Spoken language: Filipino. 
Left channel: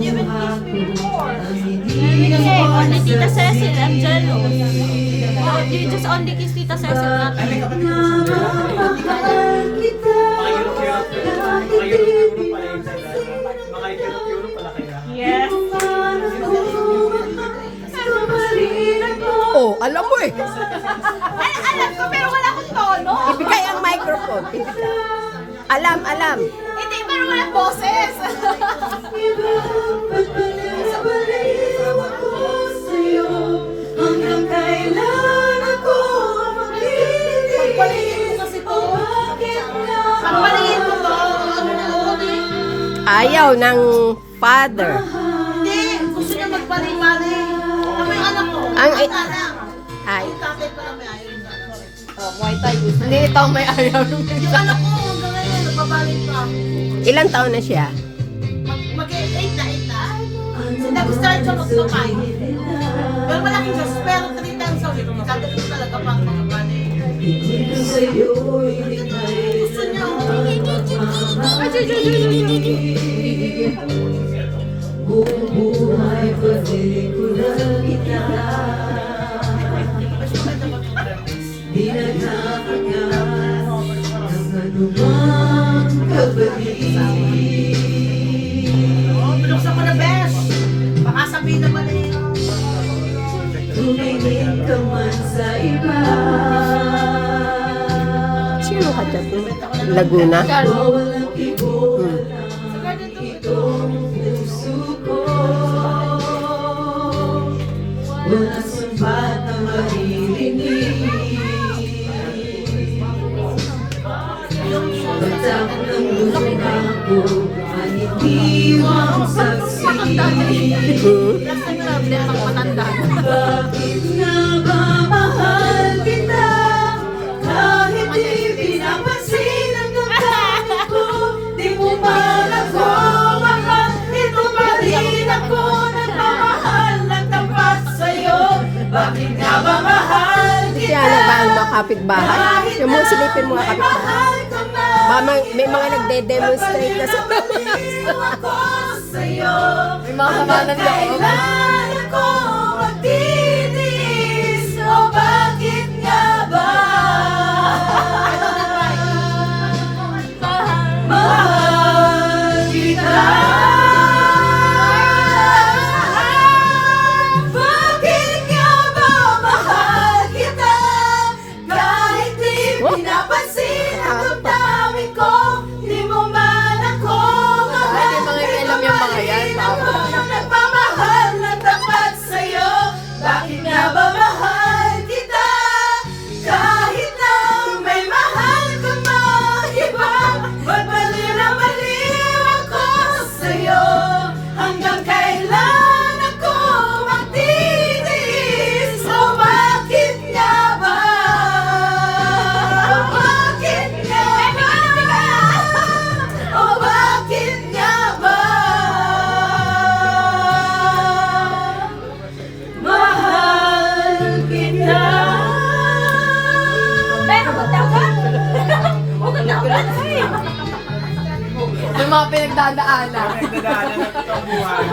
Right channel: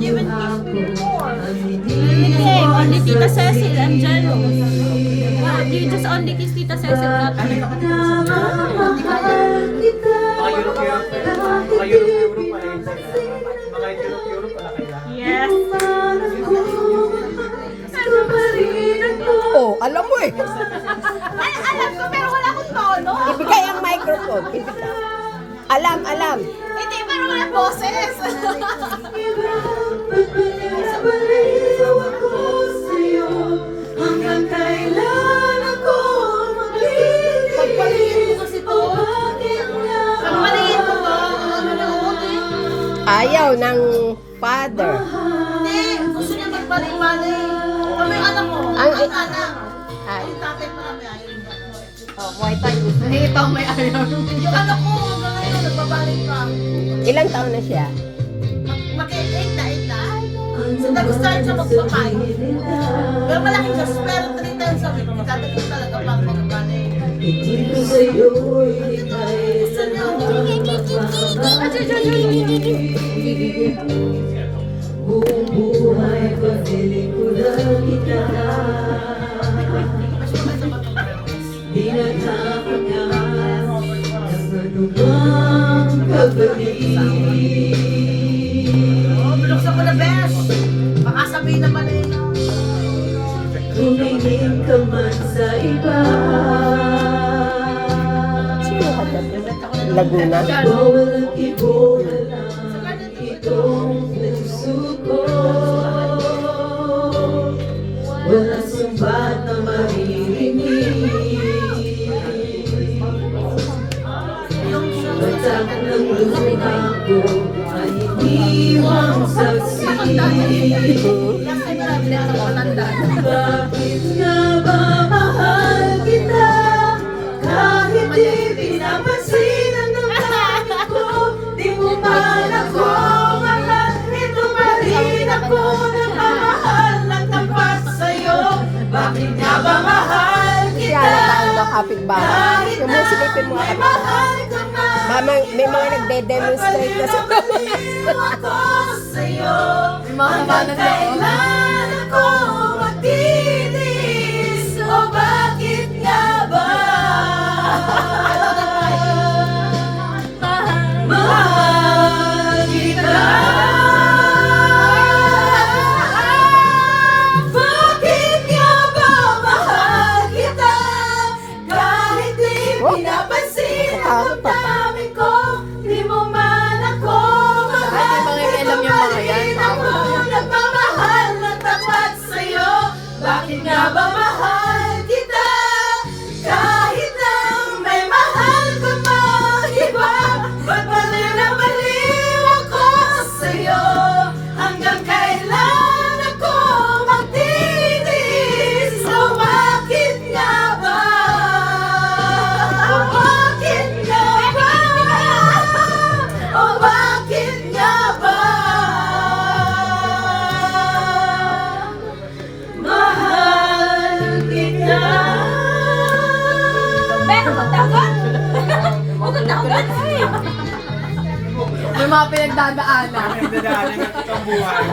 you even kiss me before? Okay, only Tita Cecil and Jello. Oh, you just only kiss Tita Cecil, not me. Yes. Oh, alam mo eh. Ay, alam ko, pero wala akong tono. Ibigay ang microphone. Ibigay. Alam. Hindi, pero wala boses. Hanggang kailan ako magpapalitin mo kasi to? Pagpalitin mo to, ano na ulit? Ayaw ng father. Hindi, gusto niya magpali-pali. Kami yung anak ko, Ang ang anak. Ay. Yung tatay pa lang may ayaw niya. Oh, Muay Thai gusto. Hindi, ito may ayaw. Yung anak ko, hanggang ngayon, nagbabalik pa. Ilang taon na siya? Mag-8 na. Nagustuhan siya magpapay. Pero malaking gas, pero 3 times a week. Tatay ko talaga pang magbabalik. Gusto niya. Buong buhay pagdilig ko lang kita. Di nagkakagal ng anumang kabalik. Binuksan ko na best. Baka sabihin naman eh. Tumingin ka man sa iba. Sino ka tabi? Laguna? Walang kibol itong puso ko. Walang sumbat na maririnig. Batak ng luha ko ay iniwang saksi. Bakit nga ba mahal kita? Kahit di pinapansin ang damdamin ko, di mo man ako mahal. Ito pa rin ako nagmamahal ng tapat sa'yo. Bakit nga ba mahal Si kita? Ana ba ang kapitbahay? Yung mga silipin mo May kapitbahay. mahal ka man. Mama, may mga nagde-demonstrate na sa Ako sa'yo. May mga kamanang loob. Kailan ako magtitiis? O bakit nga ba? Mahal kita. Bakit nga ba mahal kita? Kahit di pinapansin ang damdamin ko, di mo man ako mahal. Ay, di mga alam yung mga yan. Ako nagmamahal ng tapat sa'yo. Bakit nga ba mahal kita? Kahit na may mahal ka mang iba, ba't baliw na baliw ako sa'yo? Hanggang kailan ako magtitiis? O bakit nga ba? O bakit nga ba? O bakit nga ba? Mahal kita. Pero magdagan! Magdagan! May mga pinagdadaanan. Ang dadaanan ng itong buhay.